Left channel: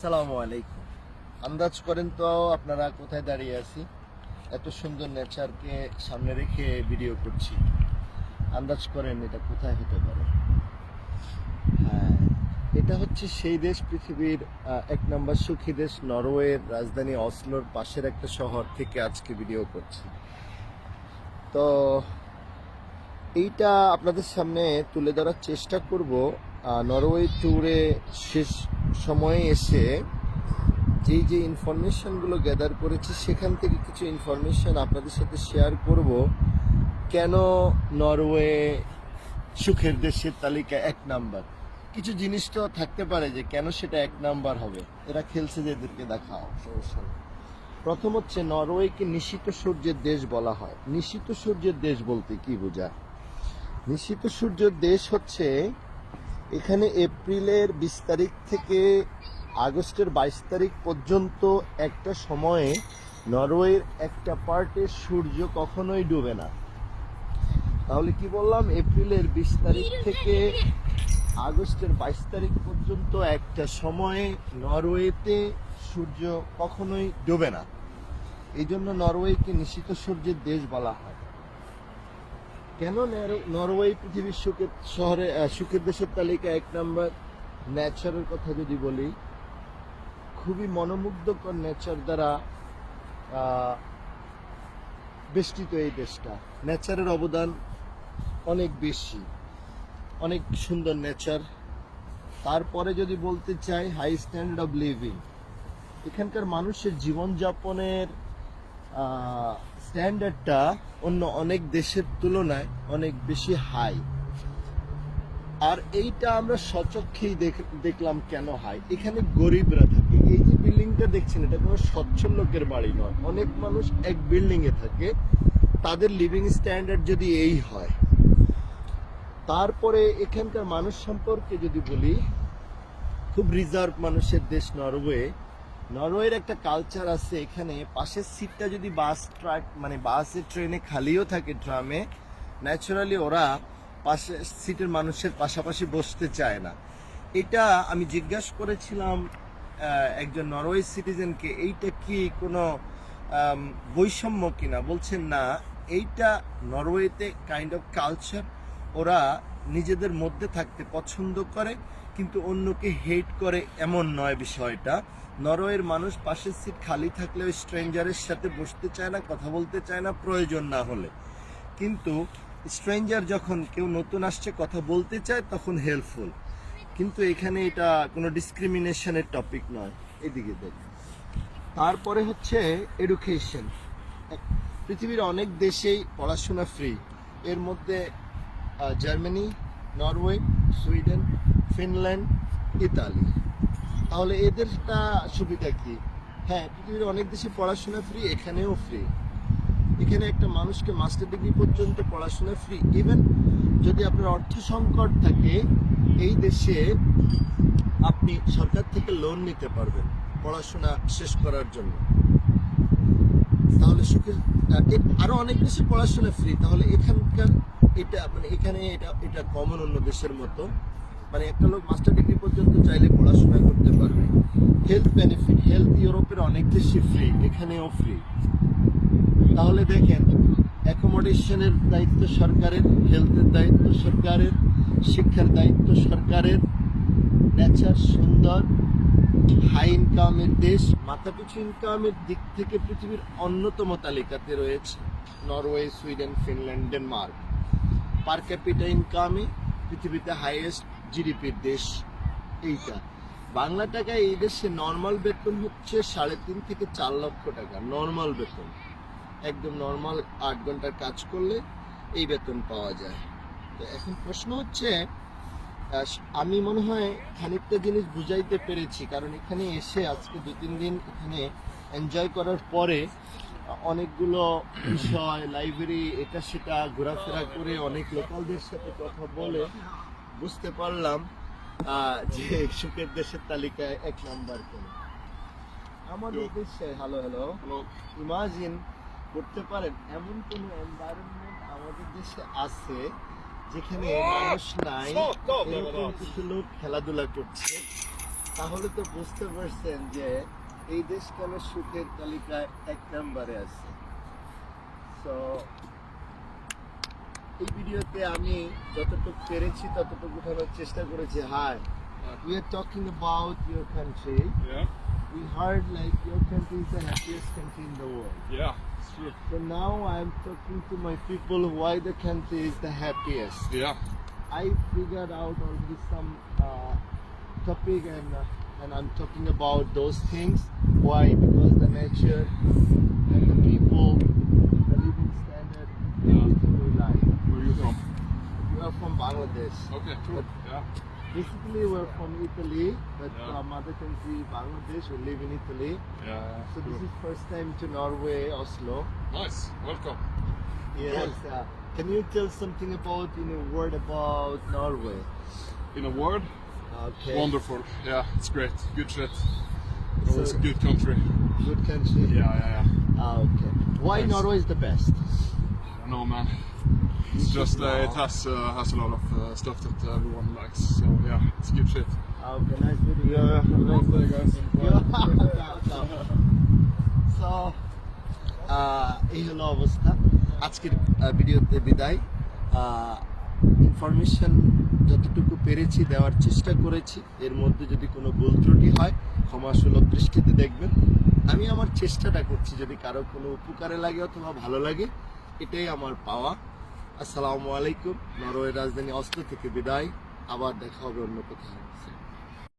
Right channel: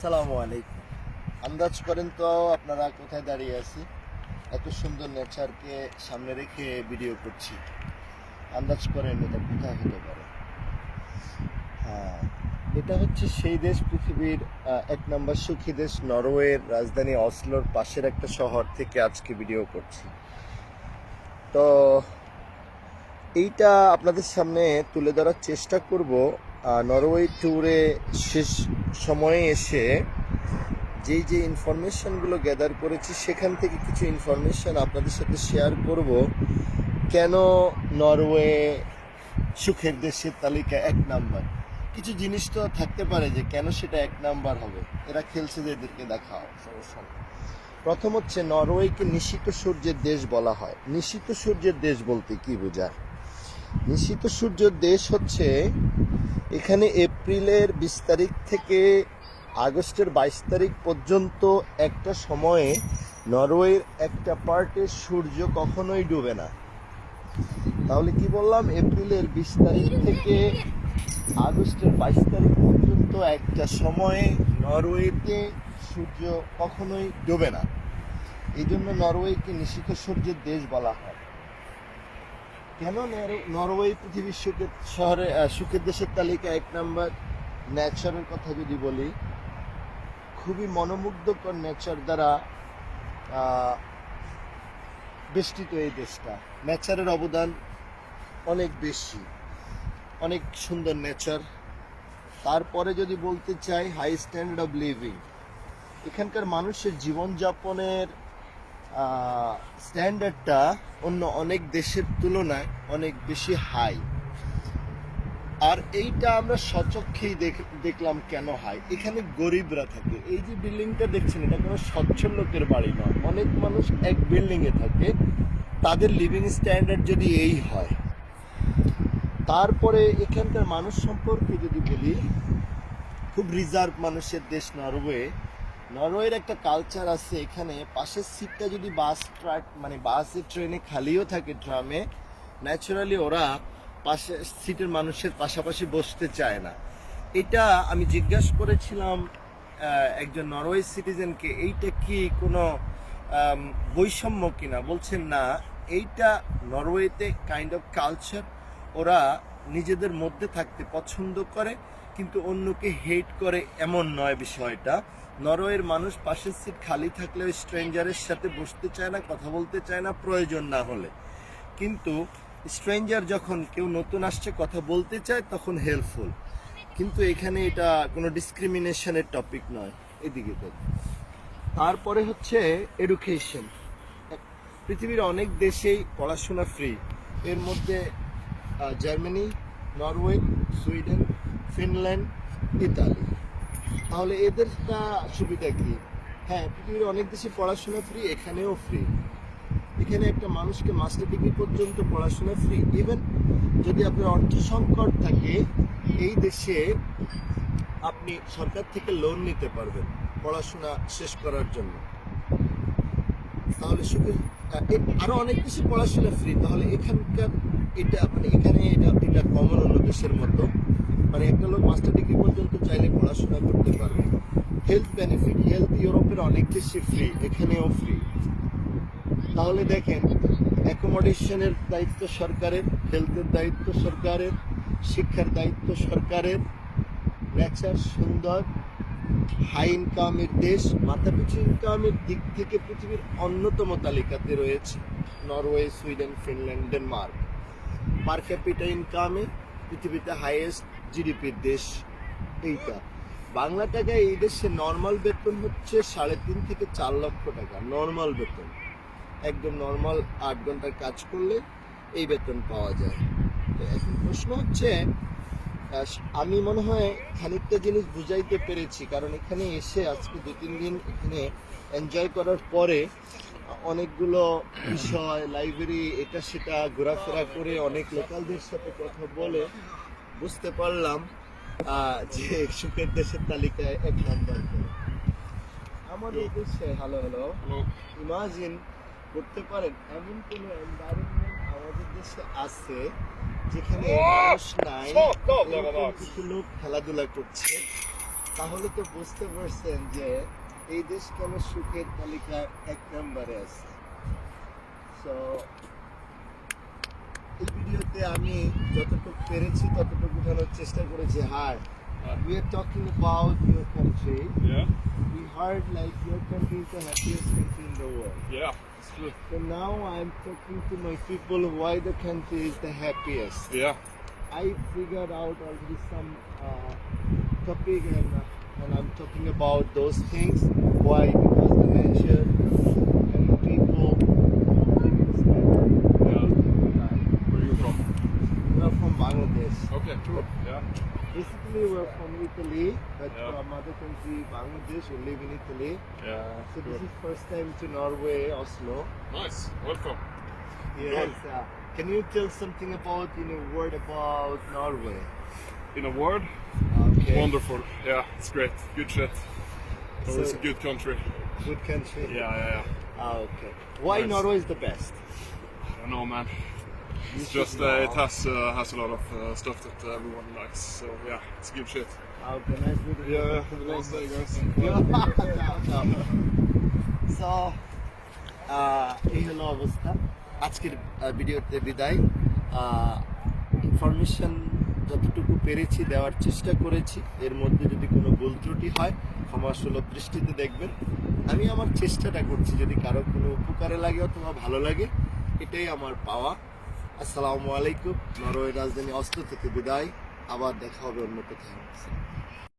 আসসালামু আলাইকুম। আন্দাজ করেন তো আপনারা কোথায় দাঁড়িয়ে আছি? এত সুন্দর নেচারকে সামনে রেখে ভিডিও করছি। আন্দাজ করেন এটা কোথায় হতে পারে? হ্যাঁ এটা হচ্ছে সেই দেশ, পৃথিবীর এক নম্বর সুখী দেশ, নরওয়ের রাজধানী অসলোর পাশের একটা শহর থেকে আজকে ভিডিও করছি। তো এইটা আপনাদের সামনে তুলে ধরার চেষ্টা করব। নরওয়ে ট্যুরে শেষ সময়ে এসে যেই যে ইনফরমেশনগুলো গ্যাদার করেছি, সেখান থেকে কিছু ইনফরমেশন আপনাদের সাথে শেয়ার করব। কেন নরওয়ে সুখের দেশের তালিকা এক নাম্বার? কিছু জিনিস তো থাকতে পারে যে কেন সেটা এক নাম্বার হবে। এরা খেলছে যে এদেরকে দেখাও, সমস্যা প্রথম হচ্ছে নরওয়েকে নিশিত সূর্যের দেশ বলা হয়। নিশিত সূর্যের দেশ বলতে কি বোঝায়? নিশিত সূর্যের দেশ হচ্ছে এখানে এপ্রিলের বিশ তারিখ থেকে আগস্টের বাইশ তারিখ পর্যন্ত একটা সময়ে নরওয়ের একটা পার্টে সূর্য কখনোই ডুবে না। তাহলে কি বললাম? এপ্রিলের বিশ তারিখ থেকে আগস্টের বাইশ তারিখ পর্যন্ত একটা সময়ে নরওয়েতে সূর্য কখনোই ডুবে না। এই জন্য নরওয়েকে নিশিত সূর্যের দেশ বলা হয়। কেন নর- নরওয়ে পৃথিবীর সুখের শহরে সুখের দেশের তালিকা এক নম্বর ন্যাচারের কথা যদি বলি, খুবই মনোমুগ্ধকর নেচার দ্বারা বেষ্টিত এই দেশটা। নেচারের অবদান অনেক বেশি, অনেক সুন্দর নেচার তারপরে যদি বলতে চাই হাই স্ট্যান্ডার্ড অফ লিভিং এখানকার মানুষের জীবনযাপনের স্ট্যান্ডার্ডটা অন্য অনেক দেশের তুলনায় অনেক বেশি হাই আর এইটা আমরা সচক্ষেই দেখ- দেখলাম কেন হাই এখানে গরিবরা থাকে। এই যে বিল্ডিংটা দেখছেন, এটা কোনো সচ্ছল লোকের বাড়ি নয়। অনেক মানুষ এক বিল্ডিং এ থাকে। তাদের লিভিং স্ট্যান্ডার্ড যদি এই হয়, তারপরে এখানকার মানুষ সম্পর্কে যদি বলি, খুব রিজার্ভ মানুষের দেশ নরওয়ে নরওয়ের একটা কালচার আছে এখানে। পাশের সিটটা যদি বাস ট্রাক মানে বাসে ট্রেনে খালিও থাকে ট্রামে ন্যাচারালি ওরা পাশে সিটের মানুষের পাশাপাশি বসতে চায় না। এটা আমি জিজ্ঞাসা করেছিলাম একজন নরওয়ে সিটিজেনকে এইটা কি কোনো বৈষম্য কিনা? বলছেন, না, এইটা নরওয়েতে কাইন্ড অফ কালচার ওরা নিজেদের মধ্যে থাকতে পছন্দ করে কিন্তু অন্যকে হেট করে এমন নয় বিষয়টা। নরওয়ের মানুষ পাশের সিট খালি থাকলেও স্ট্রেঞ্জারের সাথে বসতে চায় না, কথা বলতে চায় না, প্রয়োজন না হলে। কিন্তু স্ট্রেঞ্জার যখন কেউ নতুন আসছে, কথা বলতে চায়, তখন হেল্পফুল কিন্তু এখানে এটা কোনো ডিসক্রিমিনেশনের টপিক নয়। এদিকে দেখ। তারপরে হচ্ছে এডুকেশন পৃথিবীর অনেক দেশেই পড়াশোনা ফ্রি এর মধ্যে Germany Norway Sweden Finland, Italy. তাহলে এদেরটা সুবিধা কি? হ্যাঁ পৃথিবীর অনেক দেশে পড়াশোনা ফ্রি এখানেও ফ্রি এখানে একটা মানুষকে মাস্টার ডিগ্রি পর্যন্ত পড়াশোনা ফ্রি ইভেন যদি আপনার অর্থ সংকট থাকে, এই দেশে আপনি সরকার থেকে লোন নিতে পারবেন পড়াশোনা শেষ করার জন্য। তাহলে আরও অনেক দেশে পড়াশোনা ফ্রি তাহলে এখানকার এটা মানে এখানে এটা এটা কমন অন্য দেশের মতো। মানে একটা লোক মাস্টার ডিগ্রি পর্যন্ত চাইলে পড়াশোনা করতে পারবে। হেলথ বেনিফিট হেলথ ইউরোপের অনেক বেশি ফ্রি এখানেও ফ্রি তাহলে দেখেন অ্যাকোমোডেশনের দায়িত্ব সরকারের হেলথের দায়িত্ব সরকারের, শিক্ষার দায়িত্ব সরকারের। নেচার সুন্দর হাই ইনকামের দেশ, মাথাপিছু ইনকামের দিক থেকে পৃথিবীর অন্যতম তালিকাতে রয়েছে। Norway Sweden Finland Denmark per capita ইনকামে পৃথিবীতে হাইয়েস্ট জিডিপির দেশ এইটা। বাংলা টাকায় এই দেশে নর্মাল বেতন হচ্ছে সাড়ে তিন থেকে চার লক্ষ টাকা নর্মাল বেতন। একদম নর্মাল আট ঘণ্টার কাজ করলে এই বেতন পাওয়া যায়। তো এখন প্রশ্ন হচ্ছে আমি মনে হয় খানিকটা জিনিস বুঝাইতে পেরেছি, কারণ এখানে এসে আজকে দু তিন দিন এখানে এনজয় করার পরে অনেকগুলো বিষয় লাইব্রেরি এটা সেটা ঘোরাফেরা করে অনেক লোকালদের সাথে কথা বলে বুঝতে পারলাম যে সুখের দেশের তালিকায় এক নাম্বার করে আমাদের দেশে হ্যালো হ্যালো ইমাজিন করতে পারেন এমন কোন এনভায়রনমেন্ট আমাদের দেশে আছে যেখানে মানুষ নাই এরকম কিছু লোক খেলাধুলা করছে। তাহলে তো বুঝতে পারছেন যে এই দেশ কেন সুখের তালিকায় এক নম্বরে আছে। তো এই ভিডিওতে আমি যতটুকু পেরেছি ততটুকু উঠানোর চেষ্টা করেছি hi we are talking about your country Yeah, we heard like your country is the happiest country in the world yeah, it's true. so now i'm talking to my people why the country is the happiest Yeah, I figured out already some uh, topic and uh, and I'm talking about those things. Why? Because the nature from Bangladesh. Okay, cool. Yeah, Basically, we're from Italy, but Yeah. from mother country Bangladesh. We live in Italy. yeah, So this is first time to Norway, Oslo. Nice, welcome. Yes. Uh, can you tell something about in a word about Norway? In a word, Okay. wonderful. Yeah, it's great. Good shit. It's always So- a good country. Good country. Yeah, yeah, yeah. Ah, okay. Why Nice. Norway is the best? Don't know, man. It's just uh, it has uh, has a lot of uh, stuff that everyone likes. So yeah, it's good shit. Ah, okay, nice meeting you. Yeah, have a nice day, guys. So, ah, এই হলো অবস্থা আজকের ভিডিওতে বিদায় information যতটুকু পেরেছি দেওয়ার চেষ্টা করেছি এর মধ্যে যদি কোনো ভুল ত্রুটি হয় ক্ষমা সুলভ দৃষ্টিতে দেখবেন আমি আমার চেষ্টাটা করছি যদি কারও কোনো উপকারে লাগে অথবা ভালো লাগে এটাই আমার পাওয়া। আসসালামু আলাইকুম। নরওয়ে রাজধানী অস্ত্র থেকে বিদায়। আবার দেখা হবে অন্য কোথাও